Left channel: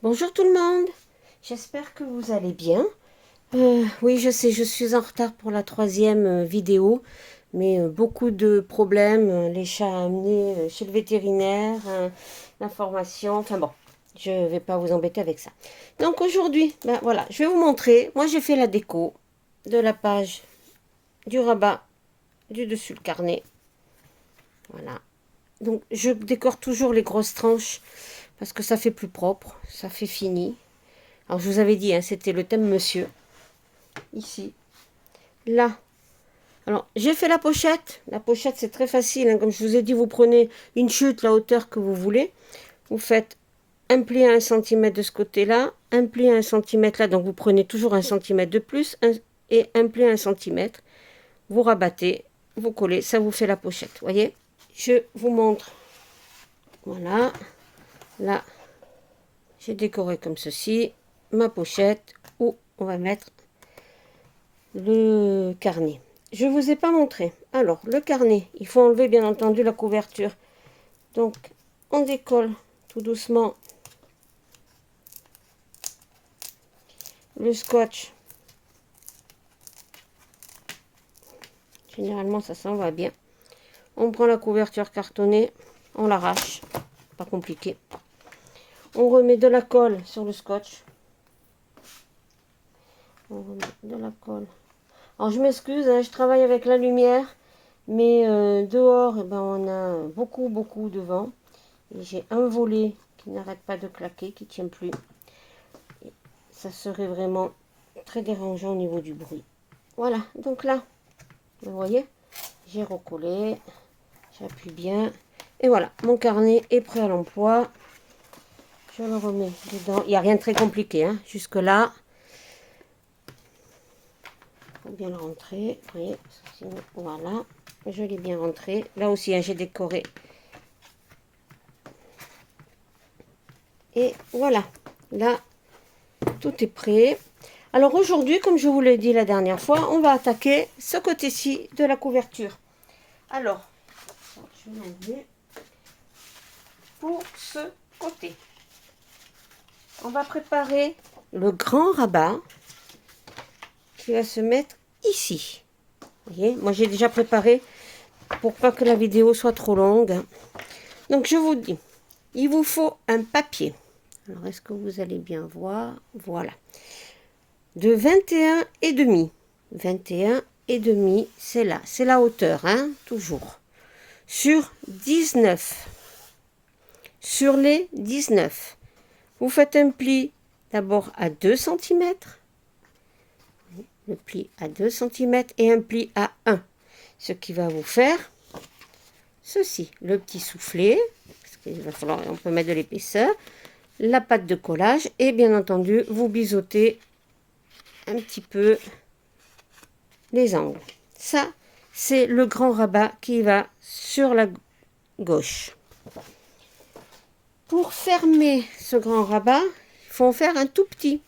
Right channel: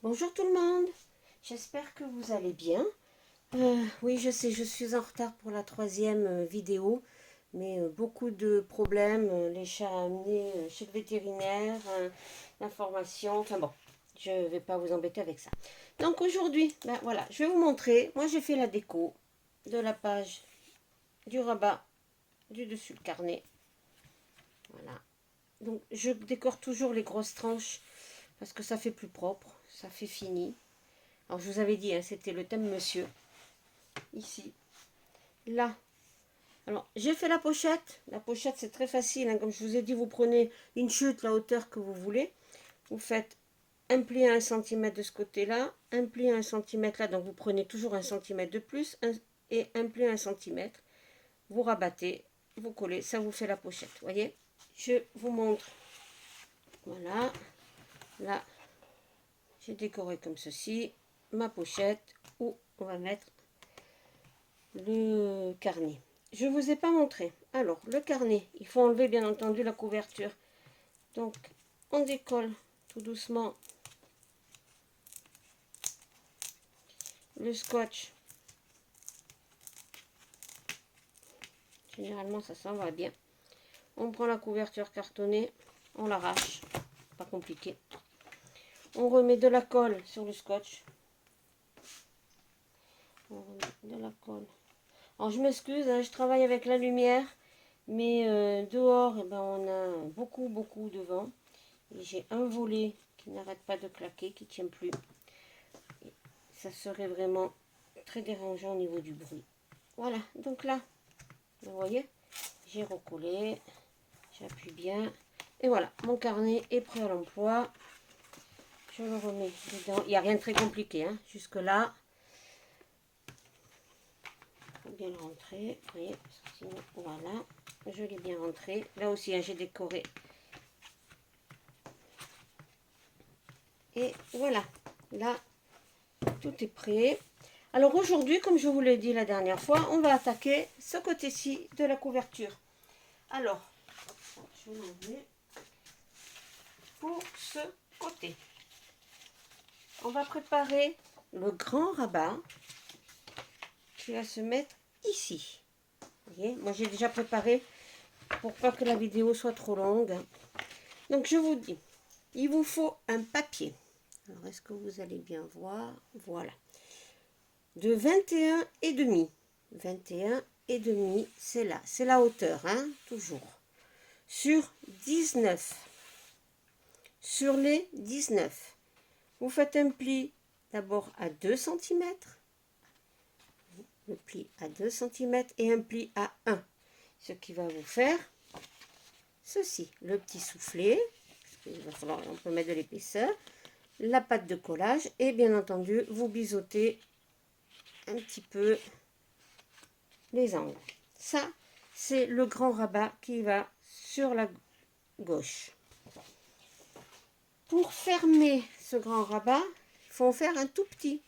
Bonjour tout le monde, j'espère que vous allez bien. Oui, je sais, je suis en retard pour la troisième vidéo, mais beaucoup de problèmes, les chats à amener chez le vétérinaire, l'information, enfin bon, je ne vais pas vous embêter avec ça. Donc aujourd'hui, ben voilà, je vais vous montrer, moi j'ai fait la déco de la page du rabat du dessus le carnet. Voilà. Donc je décore toujours les grosses tranches parce que ça fait plus propre, ça fait fini. Alors, je vous avais dit, hein, c'était le thème monsieur. Ici. Là. Alors, j'ai fait la pochette. La pochette, c'est très facile, hein. Comme je vous ai dit, vous prenez une chute, la hauteur que vous voulez. Vous faites un pli à 1 cm de ce côté-là, un pli à 1 cm là. Donc, vous prenez toujours 1 cm de plus et un pli à 1 cm. Vous rabattez, vous collez. Ça vous fait la pochette. Vous voyez? Je vous montre. Voilà. Là, j'ai décoré comme ceci. Ma pochette où on va mettre le carnet. Je ne vous ai pas montré. Alors, le carnet, il faut enlever bien entendu la couverture. Donc, on décolle tout doucement le scotch. Généralement, ça s'en va bien. On prend la couverture cartonnée, on l'arrache. Pas compliqué. On remet de la colle sur le scotch. On remet de la colle. Alors, je m'excuse, hein, je travaille avec la lumière. Mais dehors, eh ben, on a beaucoup de vent. Et j'ai un volet qui n'arrête pas de claquer, qui ne tient plus. Et ça serait vraiment très dérangeant au niveau du bruit. Voilà, donc là, vous voyez, j'ai recollé, j'appuie bien. Et voilà, mon carnet est prêt à l'emploi. Je le remets dedans. Il n'y a rien de très compliqué, hein. Jusque là. Il faut bien le rentrer. Vous voyez, sinon, voilà, je l'ai bien rentré. Là aussi, hein, j'ai décoré. Et voilà, là, tout est prêt. Alors aujourd'hui, comme je vous l'ai dit la dernière fois, on va attaquer ce côté-ci de la couverture. Alors, je vais l'enlever. Pour ce côté, on va préparer le grand rabat qui va se mettre ici. Vous voyez, moi j'ai déjà préparé pour pas que la vidéo soit trop longue. Donc je vous dis, il vous faut un papier. Alors est-ce que vous allez bien voir? Voilà. De 21,5. 21,5, c'est là. C'est la hauteur, hein, toujours. Sur 19. Sur les 19. Vous faites un pli d'abord à 2 cm. Le pli à 2 cm et un pli à 1. Ce qui va vous faire ceci. Le petit soufflet, parce qu'il va falloir, on peut mettre de l'épaisseur. La pâte de collage et bien entendu, vous biseautez un petit peu les angles. Ça, c'est le grand rabat qui va sur la gauche. Pour fermer ce grand rabat, il faut en faire un tout petit.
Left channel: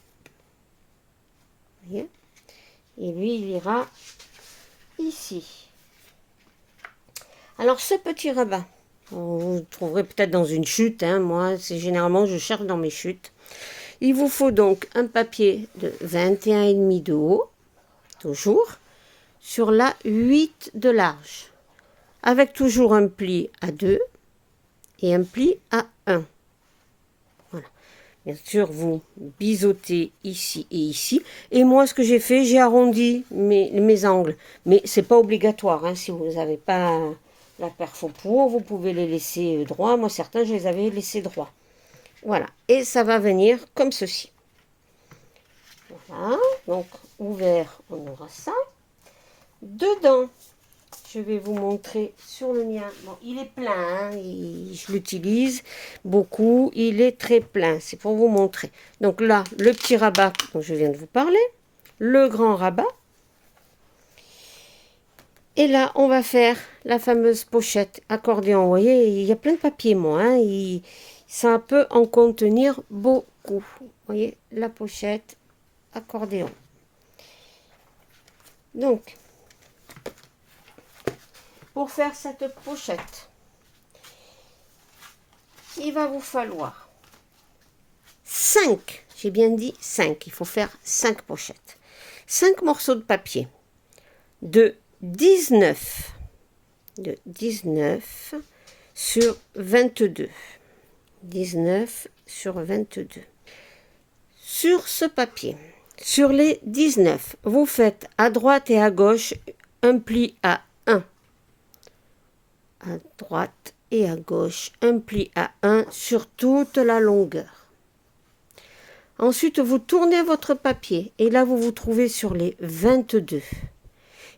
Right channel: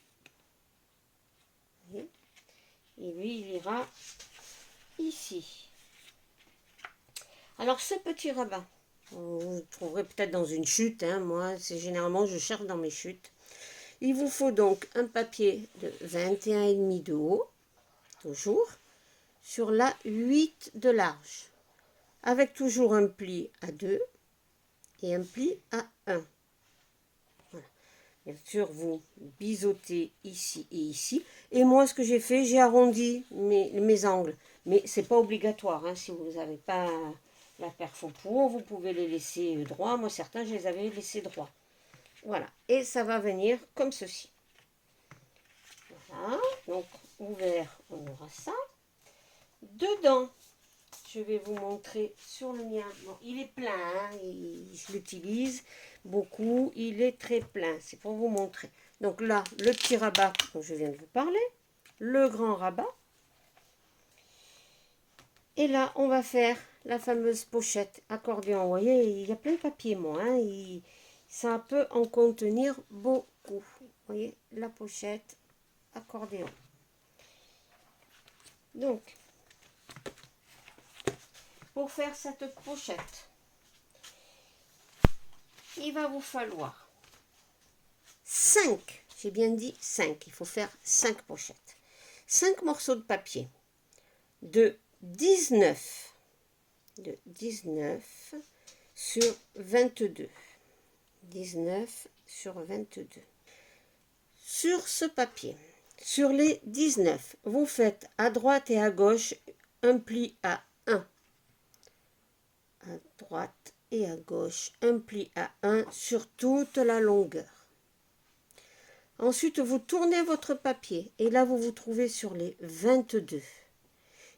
Vous voyez? Et lui, il ira ici. Alors, ce petit rabat, vous le trouverez peut-être dans une chute. Hein, moi, c'est généralement, je cherche dans mes chutes. Il vous faut donc un papier de 21,5 de haut, toujours, sur la 8 de large, avec toujours un pli à 2 et un pli à 1. Voilà. Bien sûr, vous biseautez ici et ici. Et moi, ce que j'ai fait, j'ai arrondi mes angles. Mais ce n'est pas obligatoire. Hein, si vous n'avez pas la perfo pour, vous pouvez les laisser droits. Moi, certains, je les avais laissés droits. Voilà. Et ça va venir comme ceci. Voilà. Donc, ouvert, on aura ça. Dedans, je vais vous montrer sur le mien. Bon, il est plein, hein, je l'utilise beaucoup. Il est très plein, c'est pour vous montrer. Donc là, le petit rabat dont je viens de vous parler, le grand rabat. Et là, on va faire la fameuse pochette accordéon. Vous voyez, il y a plein de papier, moi. Hein, ça peut en contenir beaucoup. Vous voyez, la pochette accordéon. Donc, pour faire cette pochette, il va vous falloir 5, j'ai bien dit 5, il faut faire 5 pochettes. 5 morceaux de papier de 19 sur 22. 19 sur 22. Sur ce papier, sur les 19, vous faites à droite et à gauche un pli à 1. À droite et à gauche, un pli à 1 sur toute la longueur. Ensuite, vous tournez votre papier et là, vous vous trouvez sur les 22.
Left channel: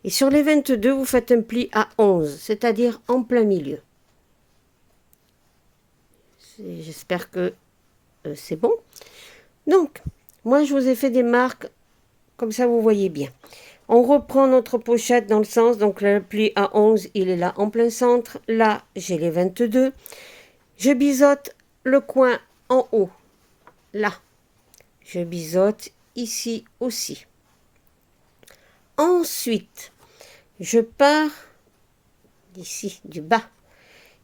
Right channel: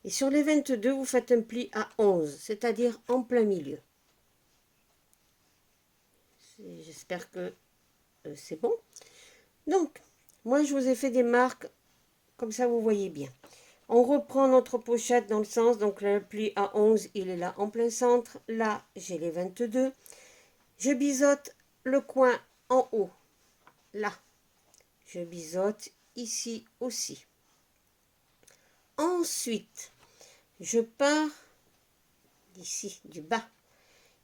Et sur les 22, vous faites un pli à 11, c'est-à-dire en plein milieu. J'espère que c'est bon. Donc, moi, je vous ai fait des marques, comme ça, vous voyez bien. On reprend notre pochette dans le sens, donc le pli à 11, il est là en plein centre. Là, j'ai les 22. Je biseaute le coin en haut, là. Je biseaute ici aussi. Ensuite, je pars d'ici, du bas,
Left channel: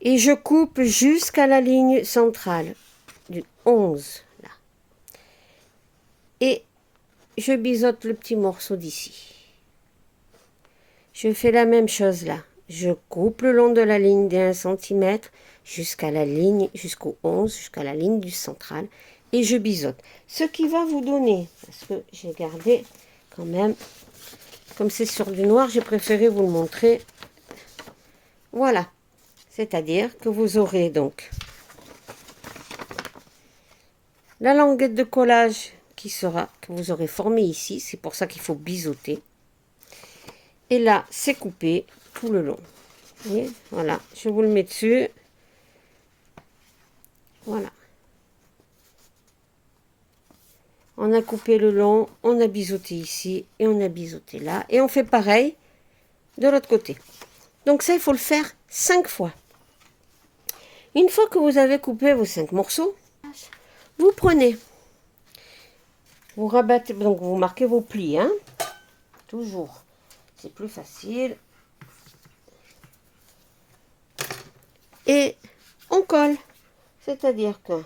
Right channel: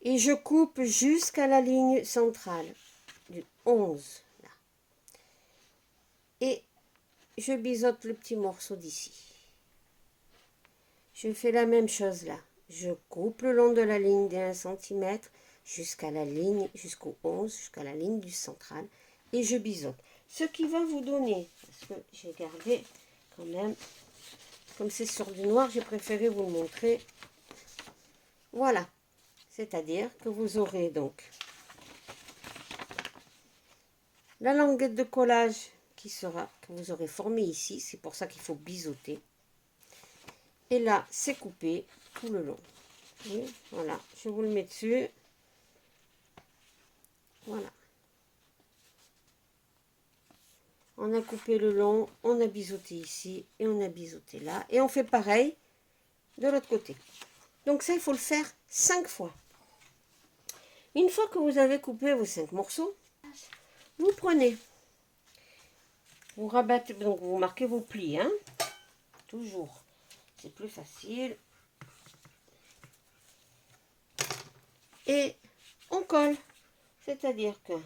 et je coupe jusqu'à la ligne centrale du 11, là. Et je biseaute le petit morceau d'ici. Je fais la même chose là. Je coupe le long de la ligne d'1 cm jusqu'à la ligne, jusqu'au 11, jusqu'à la ligne du central, et je biseaute. Ce qui va vous donner, parce que j'ai gardé quand même, comme c'est sur du noir, j'ai préféré vous le montrer. Voilà. C'est-à-dire que vous aurez donc la languette de collage que vous aurez formée ici. C'est pour ça qu'il faut biseauter. Et là, c'est coupé tout le long. Vous voyez, voilà, je vous le mets dessus. Voilà. On a coupé le long, on a biseauté ici et on a biseauté là. Et on fait pareil de l'autre côté. Donc ça, il faut le faire 5 fois. Une fois que vous avez coupé vos 5 morceaux, vous prenez, vous rabattez, donc vous marquez vos plis, hein, toujours. C'est plus facile. Et on colle. C'est-à-dire que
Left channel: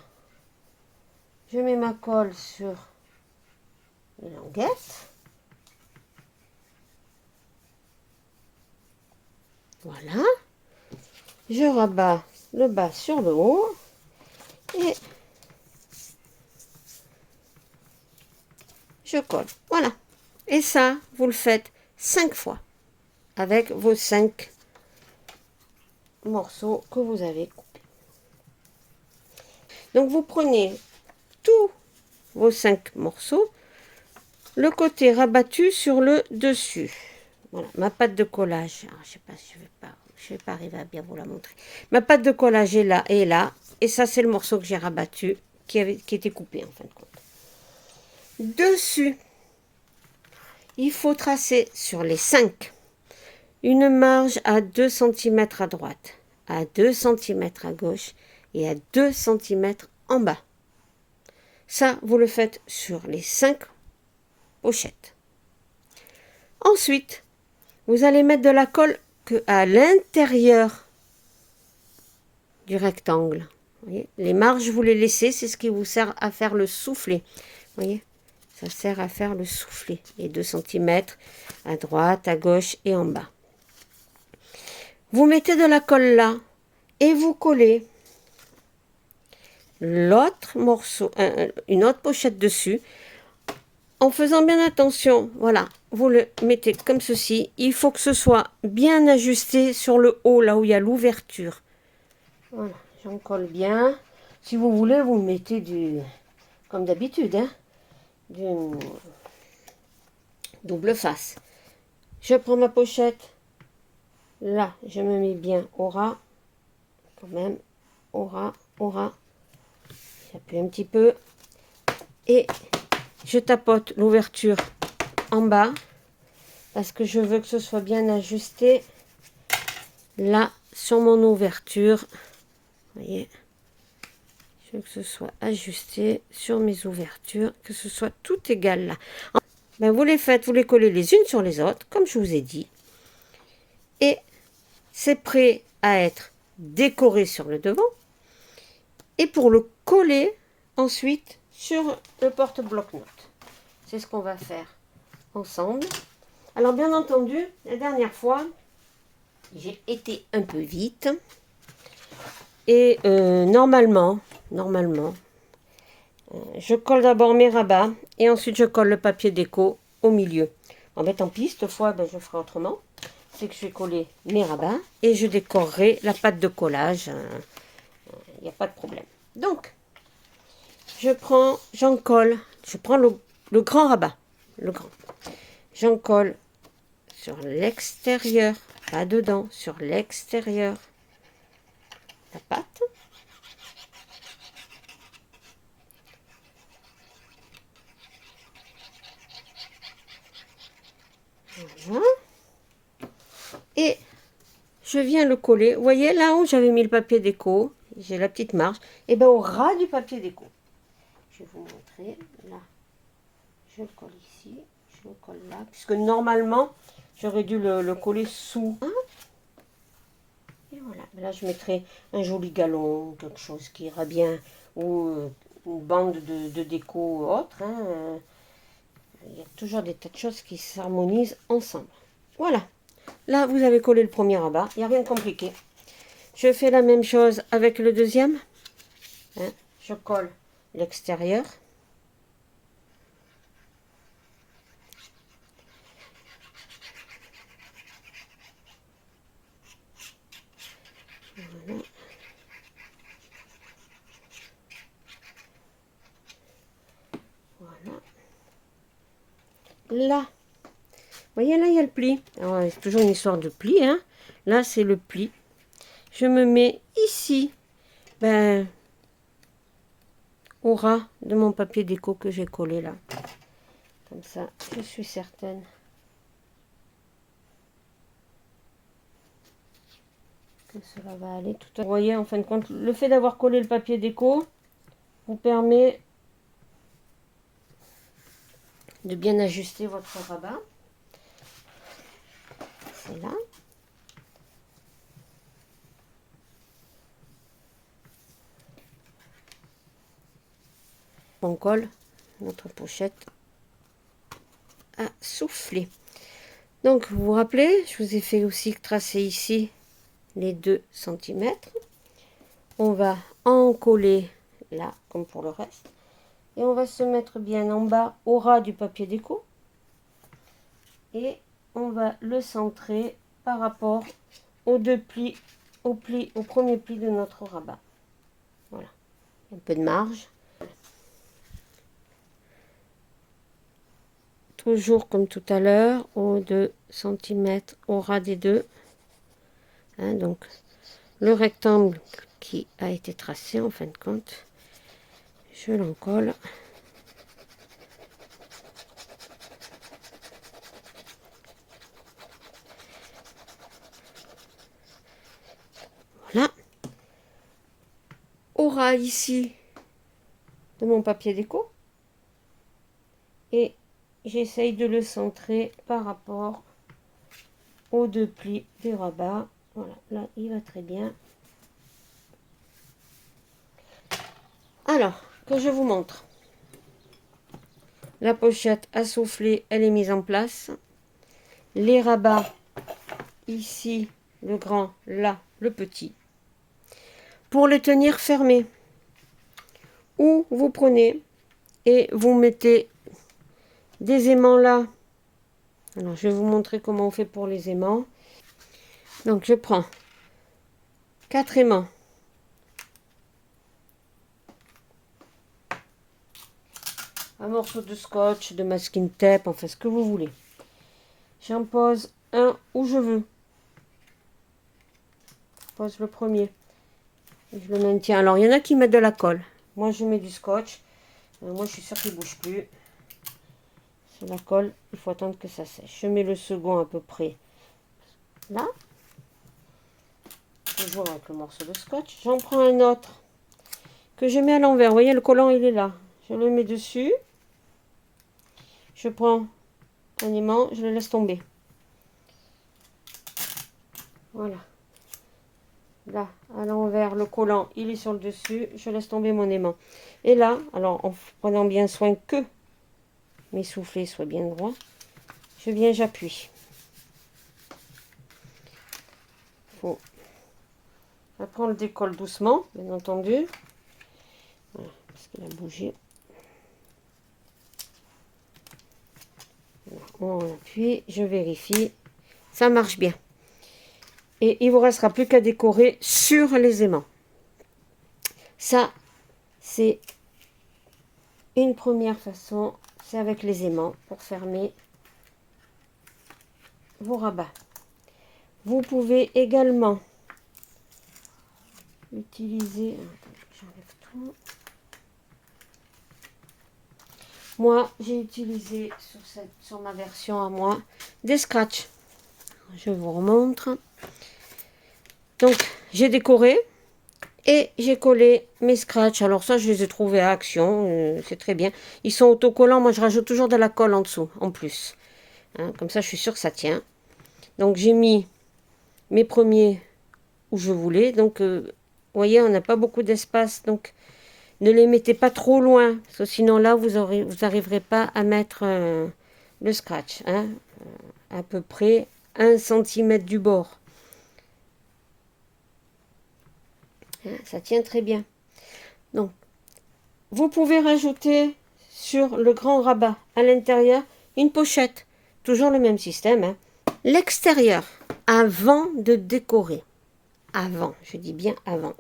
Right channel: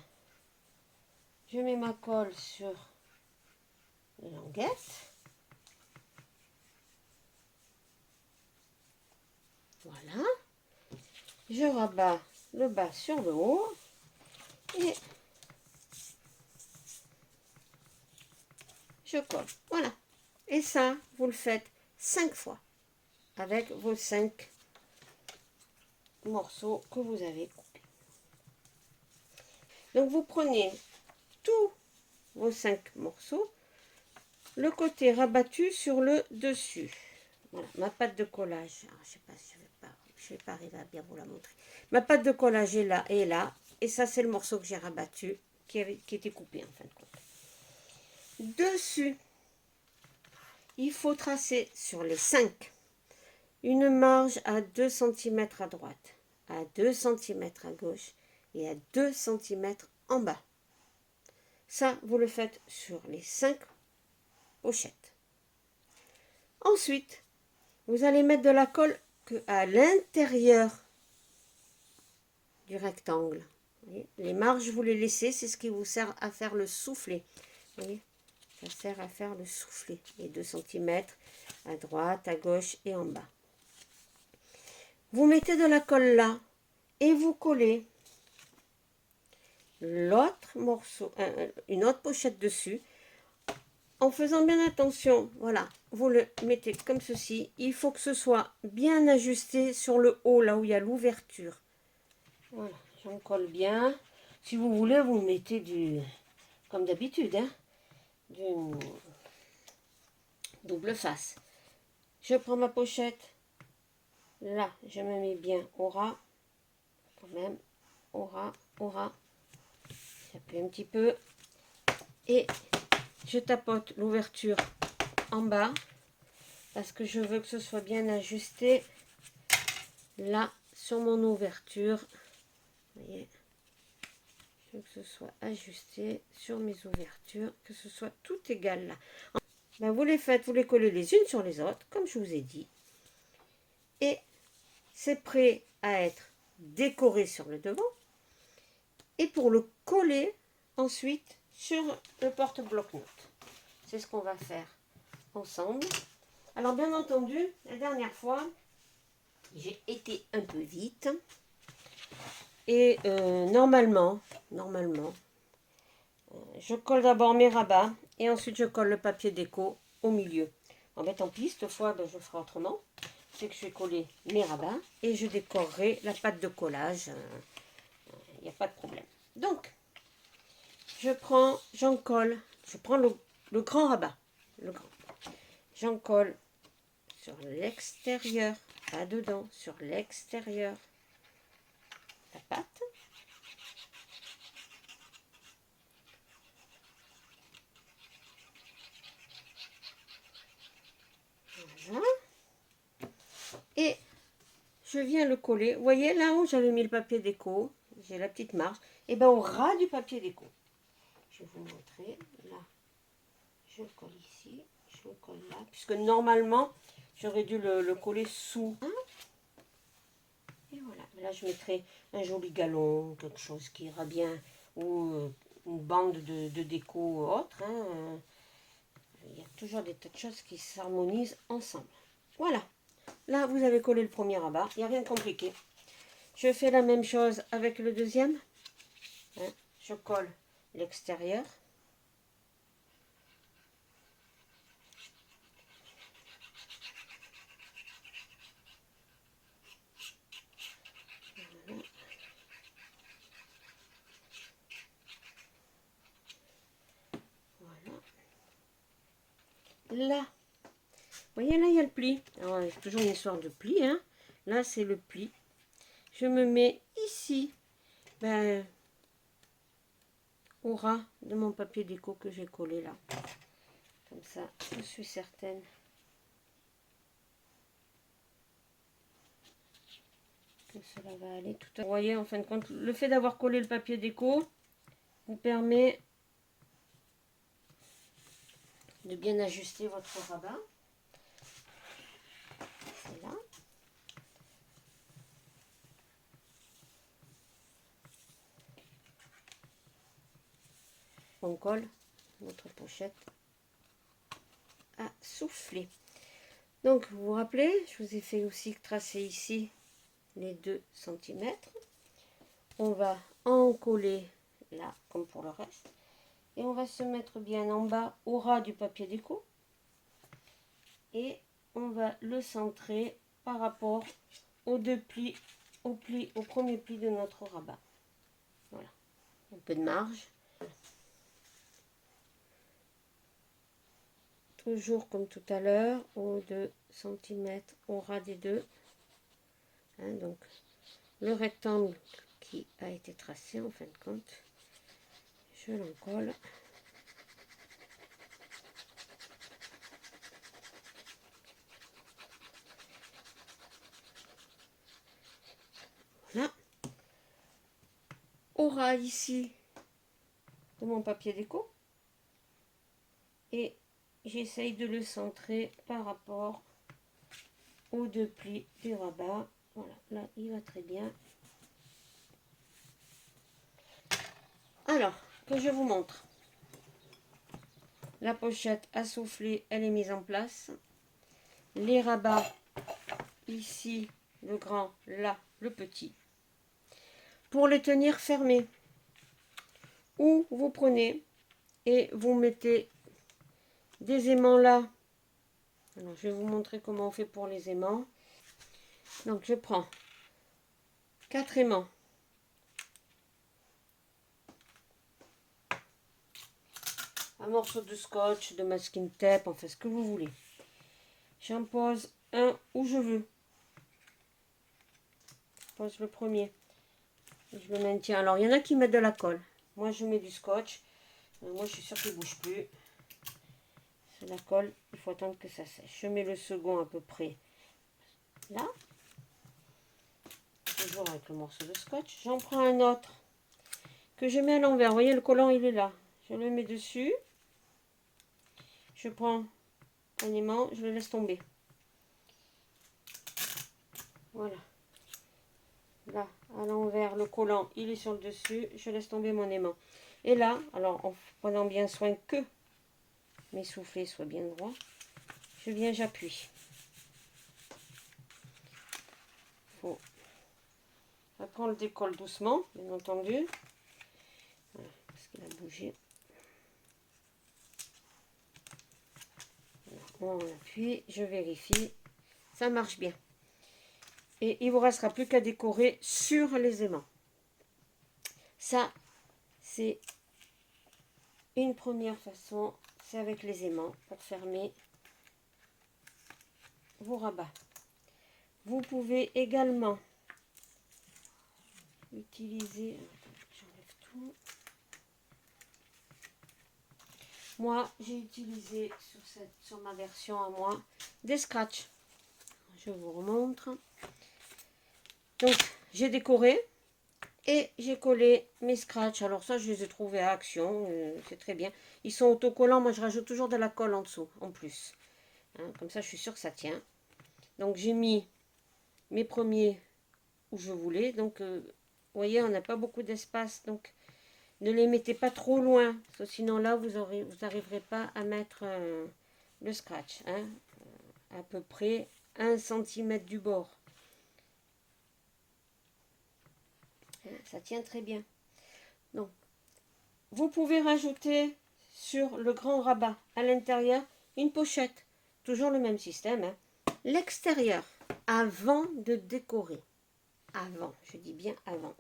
je mets ma colle sur les languettes. Voilà. Je rabats le bas sur le haut. Et je colle. Voilà. Et ça, vous le faites 5 fois avec vos 5 morceaux que vous avez coupés. Donc, vous prenez tous vos 5 morceaux, le côté rabattu sur le dessus. Voilà, ma pâte de collage. Alors, je sais pas si je vais pas arriver à bien vous la montrer. Ma pâte de collage est là et là. Et ça, c'est le morceau que j'ai rabattu, qui était coupé en fin de compte. Dessus, il faut tracer sur les 5 une marge à 2 cm à droite, à 2 cm à gauche et à 2 cm en bas. Ça, vous le faites sur les 5 pochettes. Ensuite, vous allez mettre de la colle à l'intérieur du rectangle. Vous voyez, les marges, vous les laissez, c'est ce qui vous sert à faire le soufflet. Vous voyez, ça sert à faire le soufflet. Les 2 cm à droite, à gauche et en bas. Vous mettez de la colle là et vous collez l'autre morceau, une autre pochette dessus, en faisant bien attention. Voilà, vous le mettez comme ceci. Il faut que ce soit bien ajusté sur le haut, là où il y a l'ouverture. Voilà, j'en colle bien. Si vous voulez, vous mettez comme d'habitude, hein, du double face. Je prends ma pochette. Là, je me mets bien au ras. Quand même, au ras. J'appuie un petit peu. Et je tapote l'ouverture en bas. Parce que je veux que ce soit bien ajusté. Là, sur mon ouverture. Vous voyez. Je veux que ce soit ajusté sur mes ouvertures. Que ce soit tout égal là. Ben, vous les faites, vous les collez les unes sur les autres. Comme je vous ai dit. Et c'est prêt à être décoré sur le devant. Et pour le coller, ensuite, sur le porte-bloc-notes. C'est ce qu'on va faire ensemble. Alors bien entendu, la dernière fois, j'ai été un peu vite. Et normalement, je colle d'abord mes rabats et ensuite je colle le papier déco au milieu. En fait, tant pis, cette fois, ben, je ferai autrement. C'est que je vais coller mes rabats et je décorerai la pâte de collage. Il n'y a pas de problème. Donc, j'en colle, je prends le grand rabat, le grand. J'en colle sur l'extérieur, pas dedans, sur l'extérieur, la pâte. Voilà. Et je viens le coller. Vous voyez, là où j'avais mis le papier déco, j'ai la petite marge, et bien au ras du papier déco. Je vais vous montrer. Là, je le colle ici, je le colle là, puisque normalement, j'aurais dû le coller sous. Et voilà. Là, je mettrai un joli galon, quelque chose qui ira bien, ou une bande de déco autre. Hein. Il y a toujours des tas de choses qui s'harmonisent ensemble. Voilà. Là, vous avez collé le premier rabat. Il n'y a rien de compliqué. Je fais la même chose avec le deuxième. Hein. Je colle l'extérieur. Voilà. Voilà. Là, vous voyez, là, il y a le pli. C'est toujours une histoire de pli. Hein. Là, c'est le pli. Je me mets ici, ben, au ras de mon papier déco que j'ai collé là. Comme ça, je suis certaine que cela va aller tout à... Vous voyez, en fin de compte, le fait d'avoir collé le papier déco vous permet de bien ajuster votre rabat. C'est là. On colle notre pochette à souffler. Donc, vous vous rappelez, je vous ai fait aussi tracer ici les 2 cm. On va en coller là, comme pour le reste. Et on va se mettre bien en bas, au ras du papier déco. Et on va le centrer par rapport aux deux plis, au premier pli de notre rabat. Voilà. Un peu de marge. Toujours comme tout à l'heure, aux 2 cm au ras des deux. Hein, donc, le rectangle qui a été tracé en fin de compte, je l'en colle. Voilà. Au ras ici de mon papier déco. Et j'essaye de le centrer par rapport aux deux plis du rabat. Voilà, là il va très bien. Alors, que je vous montre. La pochette à souffler, elle est mise en place. Les rabats, ici, le grand, là, le petit. Pour les tenir fermés, ou vous prenez et vous mettez des aimants là. Alors, je vais vous montrer comment on fait pour les aimants. Donc, je prends 4 aimants. Un morceau de scotch, de masking tape, enfin ce que vous voulez. J'en pose un où je veux. Je pose le premier. Et je le maintiens. Alors, il y en a qui mettent de la colle. Moi, je mets du scotch. Moi, je suis sûre qu'il ne bouge plus. C'est la colle. Il faut attendre que ça sèche. Je mets le second à peu près là. Toujours avec le morceau de scotch. J'en prends un autre que je mets à l'envers. Vous voyez, le collant, il est là. Je le mets dessus. Je prends un aimant. Je le laisse tomber. Voilà. Là, à l'envers, le collant, il est sur le dessus. Je laisse tomber mon aimant. Et là, alors en prenant bien soin que mes soufflets soient bien droits, j'appuie. Après, on le décolle doucement, bien entendu. Voilà, parce qu'il a bougé. On appuie, je vérifie. Ça marche bien. Et il ne vous restera plus qu'à décorer sur les aimants. Ça, c'est une première façon. C'est avec les aimants pour fermer vos rabats. Vous pouvez également utiliser... J'enlève tout. Moi, j'ai utilisé sur ma version à moi des scratchs. Je vous remontre. Donc, j'ai décoré et j'ai collé mes scratchs. Alors ça, je les ai trouvés à Action. C'est très bien. Ils sont autocollants. Moi, je rajoute toujours de la colle en dessous, en plus. Hein, comme ça, je suis sûre que ça tient. Donc, j'ai mis mes premiers où je voulais. Donc, vous voyez, on n'a pas beaucoup d'espace. Donc, ne les mettez pas trop loin. Parce que sinon, là, vous n'arriverez pas à mettre le scratch. Hein, à peu près 1 cm du bord. Ça tient très bien. Donc, vous pouvez rajouter sur le grand rabat à l'intérieur une pochette. Toujours le même système. Hein. L'extérieur, avant de décorer. Avant, je dis bien avant.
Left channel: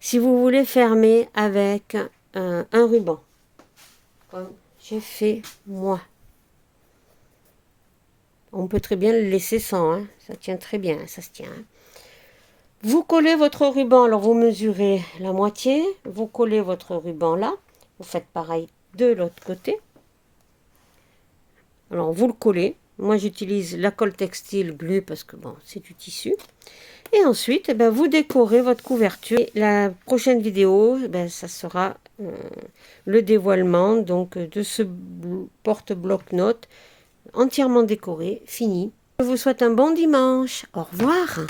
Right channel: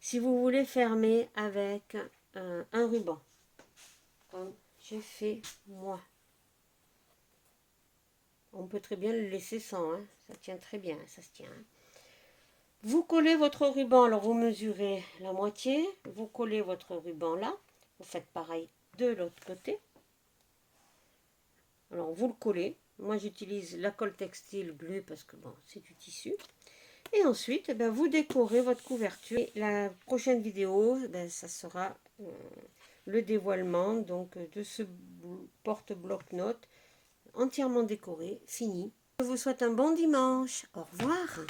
Si vous voulez fermer avec un ruban, comme j'ai fait moi. On peut très bien le laisser sans. Hein. Ça tient très bien, ça se tient. Hein. Vous collez votre ruban, alors vous mesurez la moitié, vous collez votre ruban là, vous faites pareil de l'autre côté. Alors vous le collez, moi j'utilise la colle textile glue parce que bon, c'est du tissu. Et ensuite, eh ben, vous décorez votre couverture. Et la prochaine vidéo, eh ben, ça sera le dévoilement donc, de ce porte-bloc-notes entièrement décoré, fini. Je vous souhaite un bon dimanche, au revoir.